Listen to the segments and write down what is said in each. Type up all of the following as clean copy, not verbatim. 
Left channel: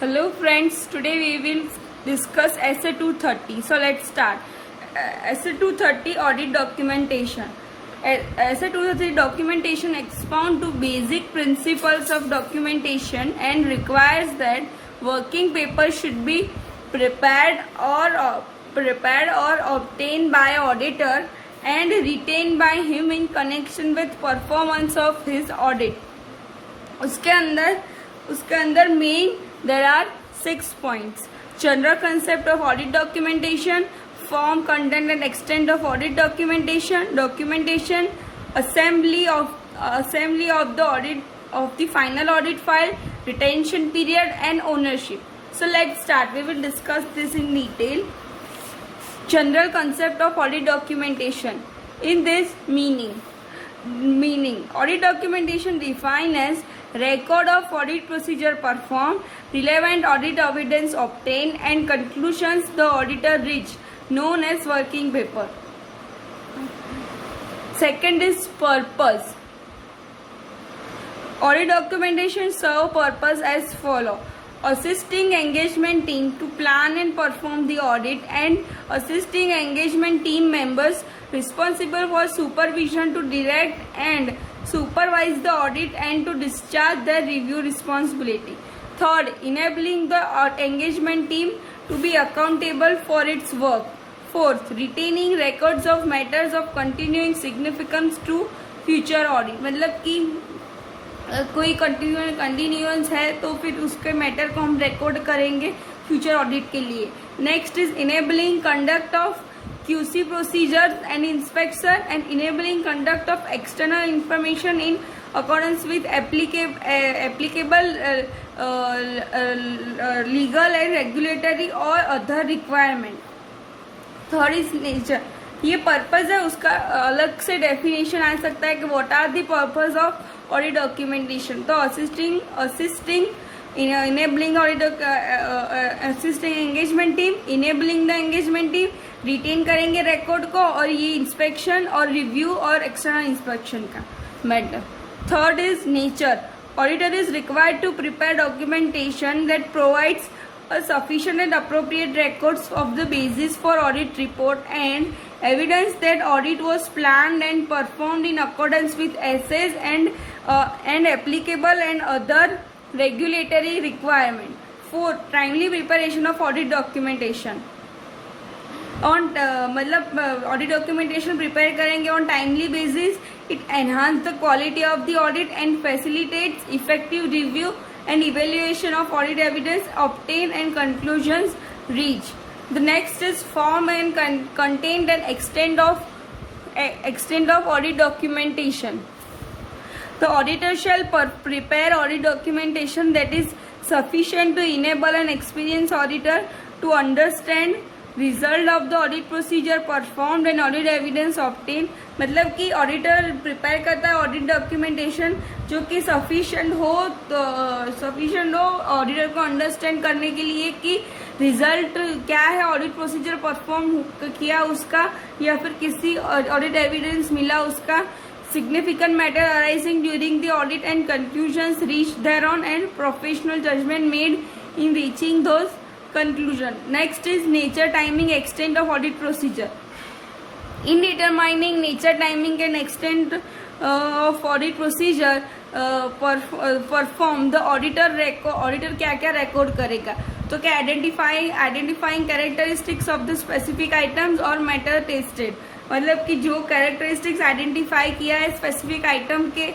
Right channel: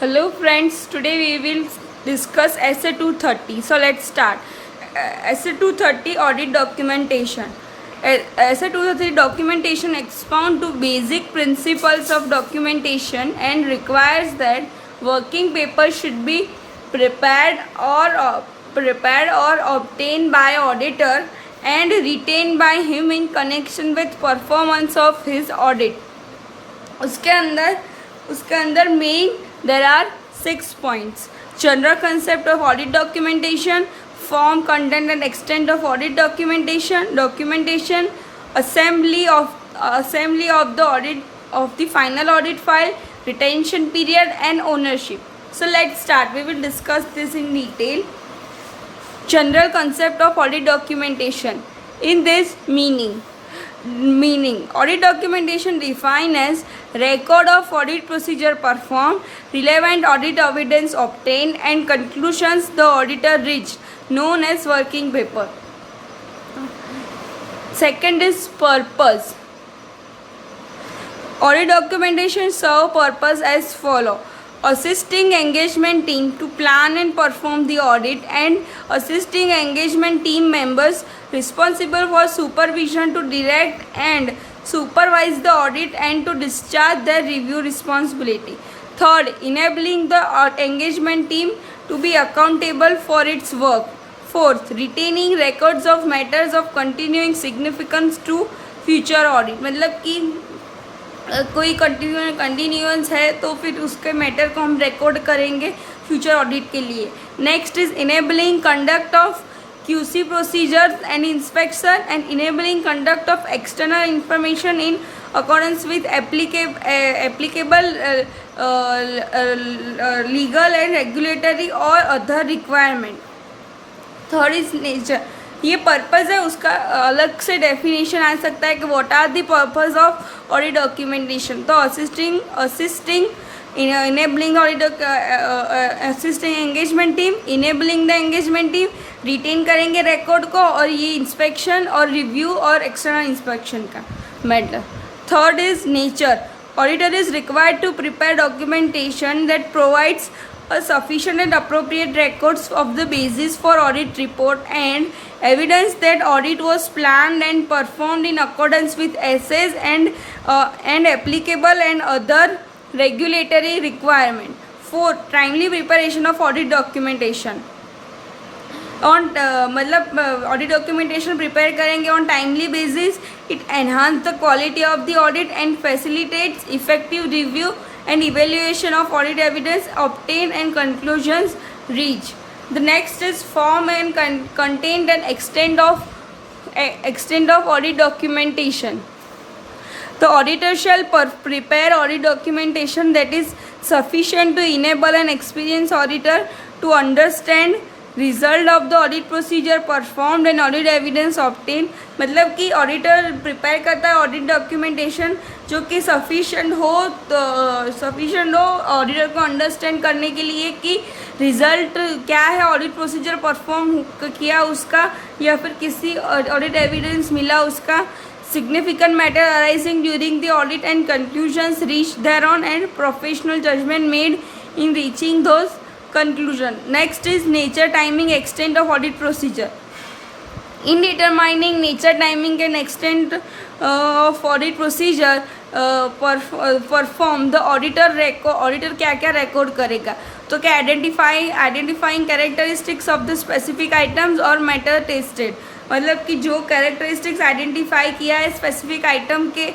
Hello friends, today we will discuss SA 230. So let's start. SA 230 audit documentation. SA 230 documentation expound to basic principles of documentation and requires that working paper should be prepared or obtained by auditor and retained by him in connection with performance of his audit. उसके अंदर main there are 6 points. General concept of audit documentation, form, content and extent of audit documentation, assembly of the audit of the final audit file, retention period and ownership. So let's start. We will discuss this in detail. General concept of audit documentation. In this meaning audit documentation defined as record of audit procedure performed, relevant audit evidence obtained and conclusions the auditor reached, known as working paper. Second is purpose. Audit documentation serve purpose as follow: assisting engagement team to plan and perform the audit and assisting engagement team members responsible for supervision to direct and supervise the audit and to discharge their review responsibility. Third, enabling the engagement team to be accountable for its work. Fourth, retaining records of matters of continuing significance to future audit. मतलब कि कोई continuance है तो फिर उसके matter को हम record करेंगे फ्यूचर ऑडिट के लिए. Next is enabling conduct of QC procedures and inspection and enabling conduct of external information in accordance with applicable legal and regulatory or other requirement. Third is nature. ये purpose है, उसका अलग से definition आ सकता है कि what are the purpose of audit documentation. तो assisting enabling audit, assisting engagement team, enabling the engagement team, retain करेंगे रिकॉर्ड को, और ये इंस्पेक्शन और रिव्यू और एक्सटर्नल इंस्पेक्शन का matter. Third is nature. Auditor is required to prepare documentation that provides a sufficient and appropriate records of the basis for audit report and evidence that audit was planned and performed in accordance with essays and applicable and other regulatory requirement. Fourth, timely preparation of audit documentation. मतलब audit documentation prepare करेंगे on timely basis. It enhance the quality of the audit and facilitates effective review and evaluation of audit evidence obtained and conclusions reached. The next is form and content and extent of audit documentation. The auditor shall prepare audit documentation that is sufficient to enable an experienced auditor to understand result of the audit procedure performed and audit evidence obtained. मतलब कि auditor prepare करता है audit documentation जो कि sufficient हो auditor को understand करने के लिए कि रिजल्ट क्या है, ऑडिट प्रोसीजर परफॉर्म किया उसका या फिर किसी ऑडिट एविडेंस मिला उसका, significant matter arising during the audit and conclusions reached thereon and professional judgment made in reaching those conclusion. Next is nature, timing, extent of audit procedure. In determining nature, timing and extent of audit procedure perform, the auditor क्या क्या record करेगा. तो क्या identifying characteristics of the specific items और matter tested. मतलब कि जो characteristics identify किया है specific item के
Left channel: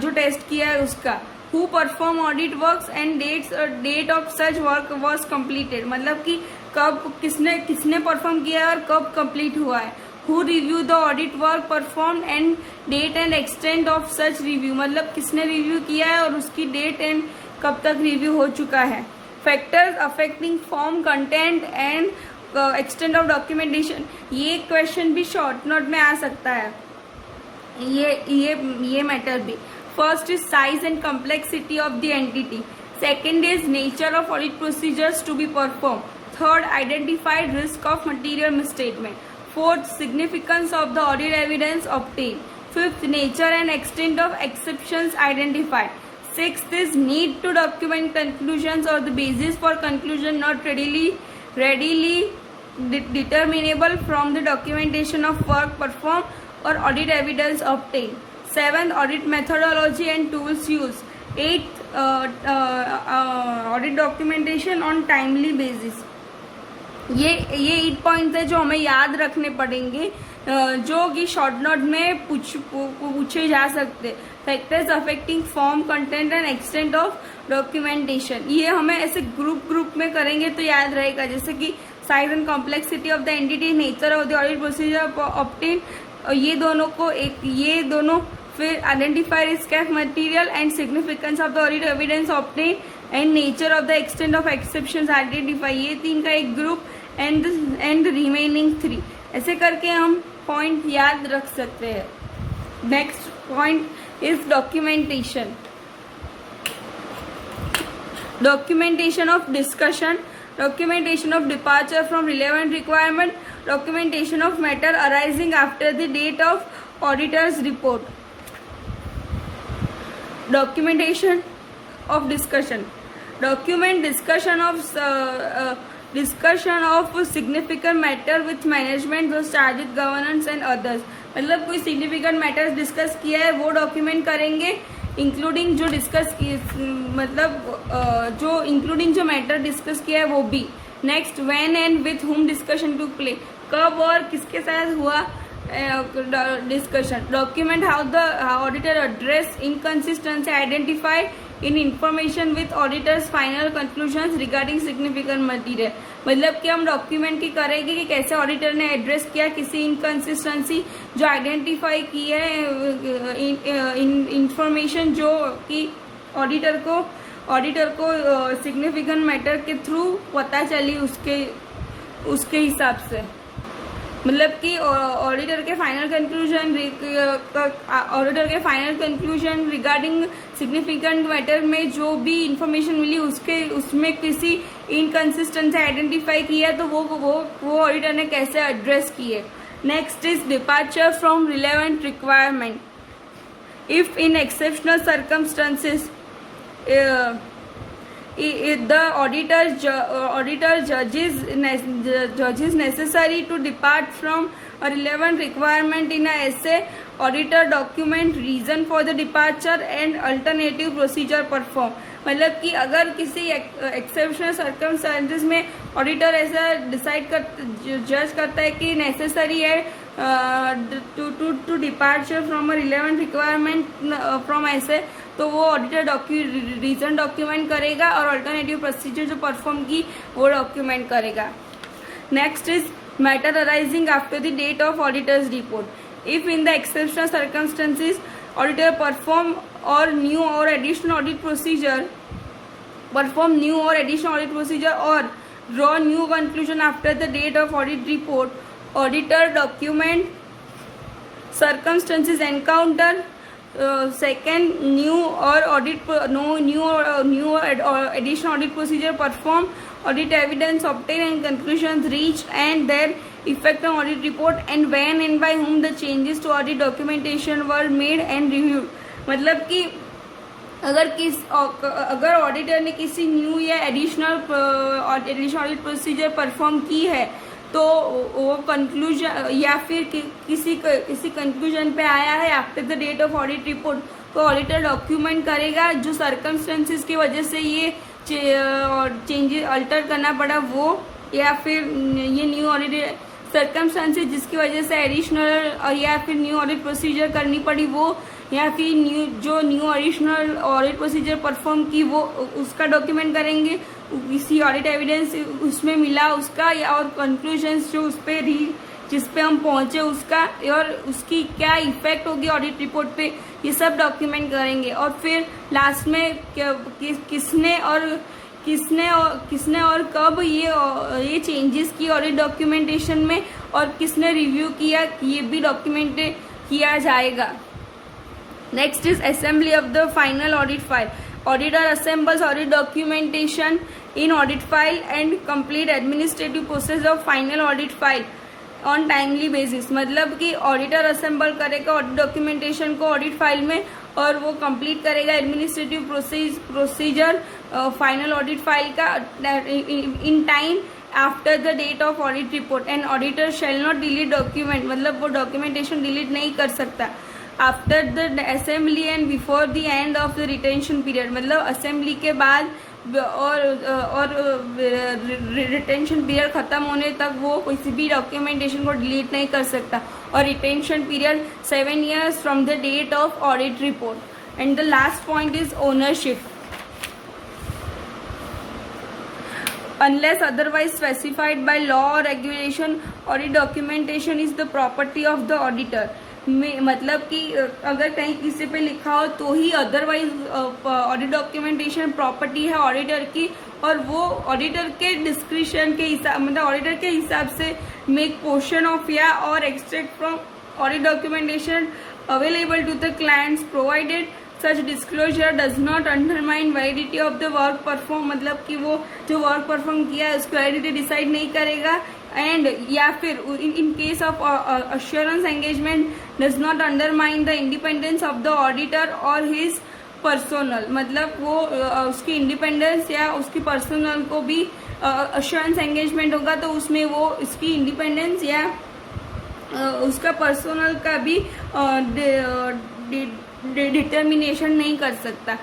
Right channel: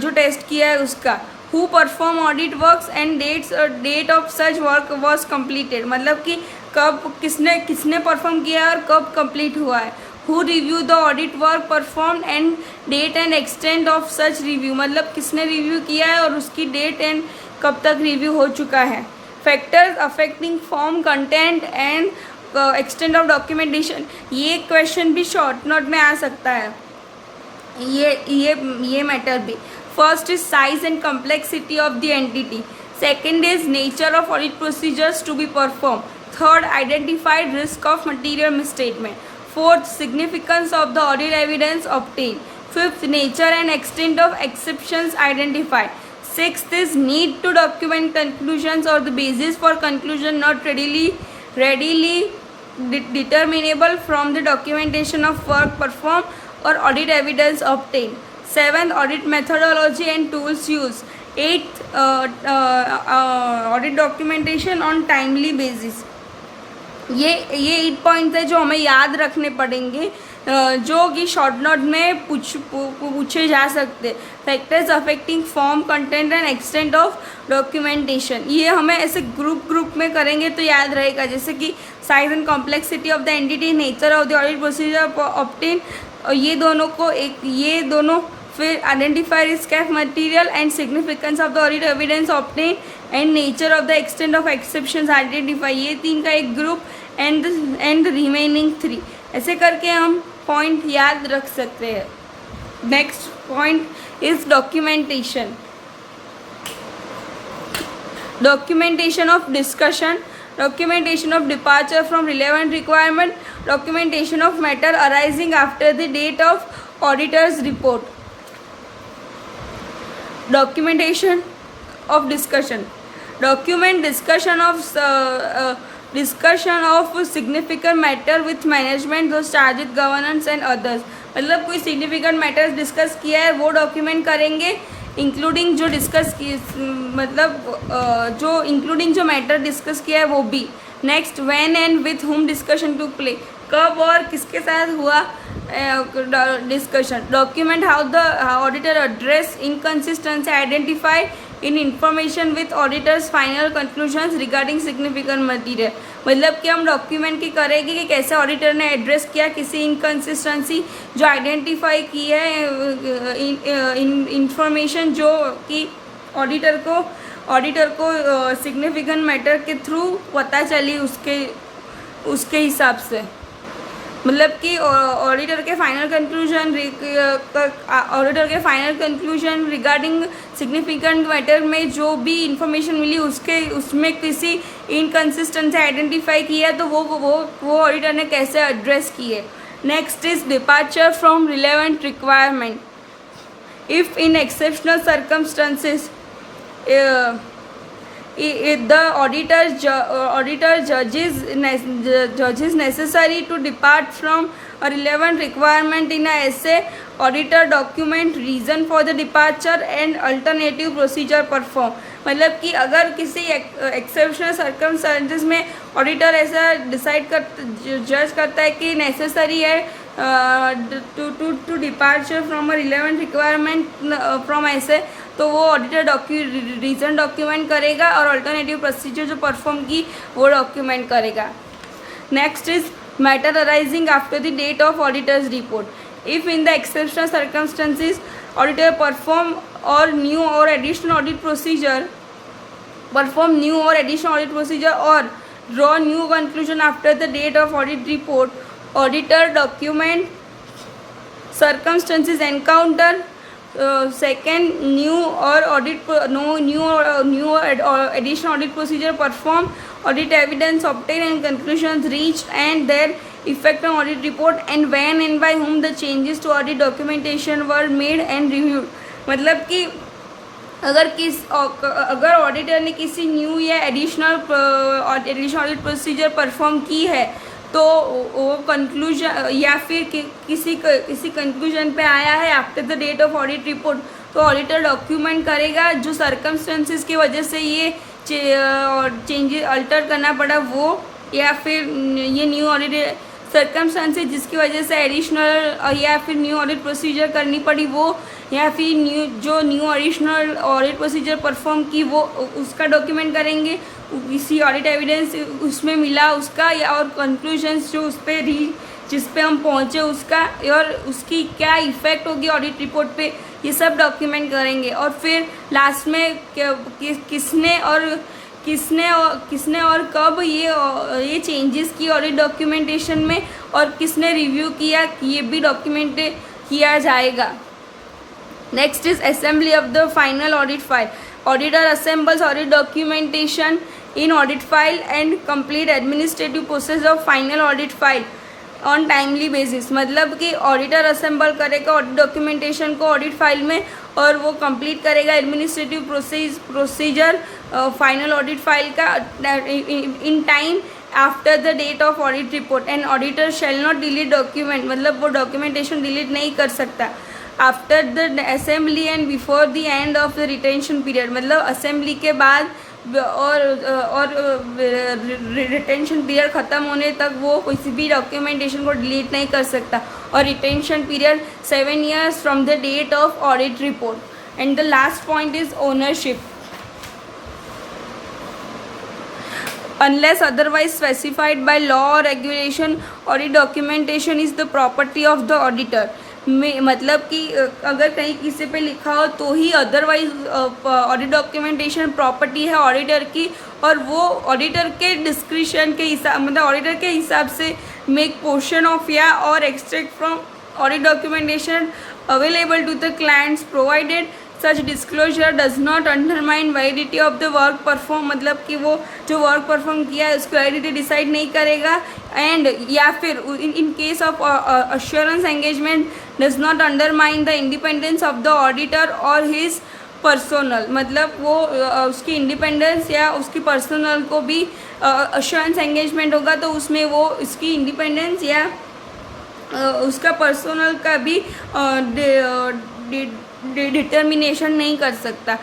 जो test किया है उसका. Who perform audit works and date of such work was completed. मतलब कि कब किसने परफॉर्म किया है और कब कंप्लीट हुआ है. Who review the audit work performed and date and extent of such review. मतलब किसने रिव्यू किया है और उसकी डेट एंड कब तक रिव्यू हो चुका है. Factors affecting form, content and extent of documentation. ये क्वेश्चन भी शॉर्ट नोट में आ सकता है, ये मैटर भी. First is size and complexity of the entity. Second is nature of audit procedures to be performed. Third, identified risk of material misstatement. Fourth, significance of the audit evidence obtained. Fifth, nature and extent of exceptions identified. Sixth is need to document conclusions or the basis for conclusion not readily determinable from the documentation of work performed or audit evidence obtained. Seventh, audit methodology and tools used. Eighth, audit documentation on timely basis. ये 8 point है जो हमें याद रखने पड़ेंगे, जो कि short note में पूछे जा सकते. Factors affecting form, content and extent of documentation. ये हमें ऐसे ग्रुप में करेंगे तो याद रहेगा, जैसे कि size and complexity of the entity, nature of the audit procedure obtain, ये दोनों फिर identify risk of material and significance of the audit evidence obtain and nature of the extent of exceptions identify. ये 3 का एक group and remaining 3. ऐसे करके हम point याद रख सकते हैं. Next point is documentation. Documentation of discussion, documentation of departure from relevant requirement, documentation of matter arising after the date of auditor's report. Documentation of discussion. Document discussion of significant matter with management, those charged with governance and others. मतलब कोई significant matters discuss किया है वो document करेंगे, including जो discuss including जो matter discuss किया है वो भी. Next, when and with whom discussion took place, कब और किसके साथ हुआ discussion. Document how the auditor address inconsistency identify in information with auditor's final conclusions regarding significant material. मतलब कि हम डॉक्यूमेंट की करेंगे कि कैसे ऑडिटर ने एड्रेस किया किसी इनकन्सिस्टेंसी जो आइडेंटिफाई की है, इंफॉर्मेशन जो कि ऑडिटर को सिग्निफिकेंट मैटर के थ्रू पता चली उसके हिसाब से. मतलब कि ऑडिटर के final conclusion regarding significant matter में जो भी इंफॉर्मेशन मिली उसमें किसी इनकन्सिस्टेंसी आइडेंटिफाई किया तो वो ऑडिटर ने कैसे एड्रेस किए. Next is departure from relevant requirement. If in exceptional circumstances the auditor judges necessary to depart from a relevant requirement in a essay, auditor document reason for the departure and alternative procedure perform. मतलब कि अगर किसी exceptional circumstances में auditor ऐसा जज करता है कि नेसेसरी है to departure from a relevant requirement from ऐसे, तो वो ऑडिटर रीज़न डॉक्यूमेंट करेगा और अल्टरनेटिव प्रोसीजर जो परफॉर्म की वो डॉक्यूमेंट करेगा. Next is matter arising after the date of auditor's report. If in the exceptional circumstances auditor perform new और एडिशनल ऑडिट प्रोसीजर और draw new conclusion after the date of audit report, auditor document circumstances encounter, second new additional audit procedure performed, audit evidence obtained and conclusions reached and their effect on audit report, and when and by whom the changes to audit documentation were made and reviewed. मतलब कि अगर auditor ने किसी new या additional audit procedure perform की है तो वो कंक्लूजन या फिर किसी कंक्लूजन पे आया है after the date of audit report, तो ऑडिटर डॉक्यूमेंट करेगा जो सर्कमस्टेंसेस की वजह से ये चेंजेस अल्टर करना पड़ा वो, या फिर ये न्यू ऑडिट सर्कमस्टेंसेस जिसकी वजह से एडिशनल या फिर न्यू ऑडिट प्रोसीजर करनी पड़ी वो, या फिर new additional audit procedure perform की वो, उसका डॉक्यूमेंट करेंगे. किसी ऑडिट एविडेंस उसमें मिला उसका, या और कंक्लूजन्स जो जिस पे हम पहुँचे उसका, और उसकी क्या इफ़ेक्ट होगी ऑडिट रिपोर्ट पे, ये सब डॉक्यूमेंट करेंगे. और फिर लास्ट में किसने और कब ये चेंजेस की ऑडिट डॉक्यूमेंटेशन में और किसने रिव्यू किया ये भी डॉक्यूमेंट किया जाएगा. Next is assembly of the final audit file. Auditor assembles audit documentation in audit file and complete administrative process of final audit file on timely basis. मतलब कि ऑडिटर असेंबल करेगा ऑडिट डॉक्यूमेंटेशन को audit file में और वो complete करेगा administrative procedure final audit file का in time after the date of audit report and auditor shall not delete document, मतलब वो डॉक्यूमेंटेशन डिलीट नहीं कर सकता after the assembly and before the end of the retention period, मतलब assembly के बाद और रिटेंशन पीरियड ख़त्म होने तक वो किसी भी डॉक्यूमेंटेशन को डिलीट नहीं कर सकता। और retention period 7 years from the date of audit report. And the last point is ownership. Unless otherwise specified by law or regulation, audit documentation is the property of the auditor. में मतलब कि अगर कहीं किसी पे लिखा हो तो ही अदरवाइज ऑडिट डॉक्यूमेंटेशन प्रॉपर्टी है ऑडिटर की, और वो ऑडिटर के डिस्क्रिप्शन के हिसाब, मतलब ऑडिटर के हिसाब से मेक पोर्शन ऑफ या और extract from audit documentation available to the clients provided such disclosure does not undermine validity of the work perform, मतलब कि वो जो वर्क परफॉर्म किया है उसकी वैलिडिटी डिसाइड नहीं करेगा। एंड या फिर in case of assurance engagement does not undermine the independence of the auditor और हिज पर्सनल, मतलब वो उसकी इंडिपेंडेंस या उसकी पर्सनल को भी अश्योरेंस एंगेजमेंट होगा तो उसमें वो उसकी इंडिपेंडेंस या उसका पर्सनल का भी डिटर्मिनेशन नहीं कर सकता।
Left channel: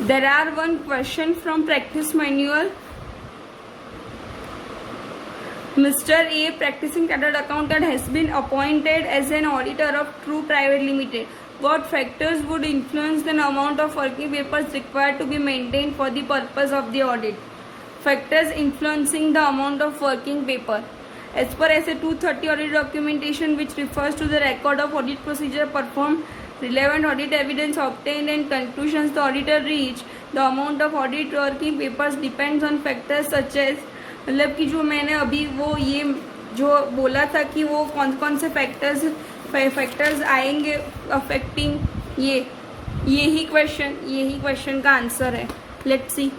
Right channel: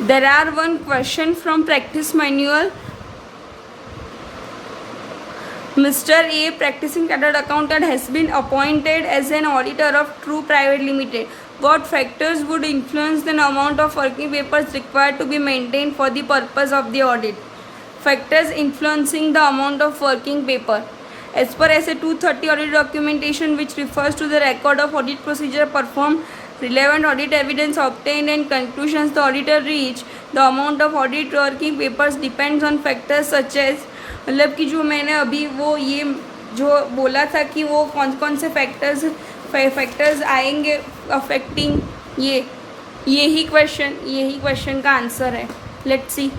There are one question from practice manual. Mr. A, practicing chartered accountant, has been appointed as an auditor of True Private Limited. What factors would influence the amount of working papers required to be maintained for the purpose of the audit? Factors influencing the amount of working paper. As per SA 230 audit documentation, which refers to the record of audit procedure performed, relevant audit evidence obtained and conclusions the auditor reached, the amount of audit working papers depends on factors such as, मतलब कि जो मैंने अभी वो ये जो बोला था कि वो कौन कौन से फैक्टर्स आएंगे अफेक्टिंग यही क्वेश्चन का आंसर है। Let's see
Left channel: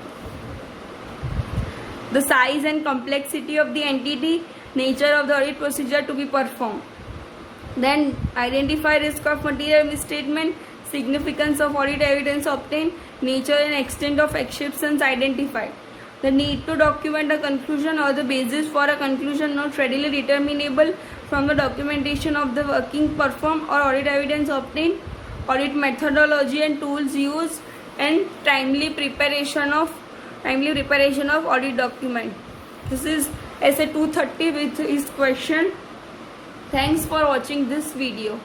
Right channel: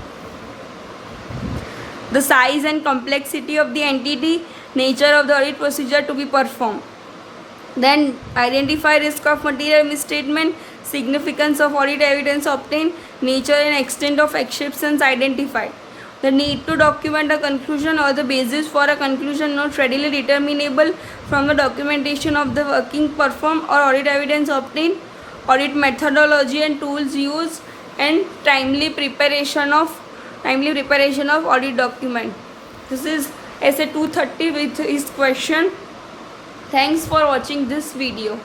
the size and complexity of the entity, nature of the audit procedure to be perform, then identify risk of material misstatement, significance of audit evidence obtained, nature and extent of exceptions identified, the need to document a conclusion or the basis for a conclusion not readily determinable from the documentation of the working performed or audit evidence obtained, audit methodology and tools used, and timely preparation of audit document. This is SA 230 with his question. Thanks for watching this video.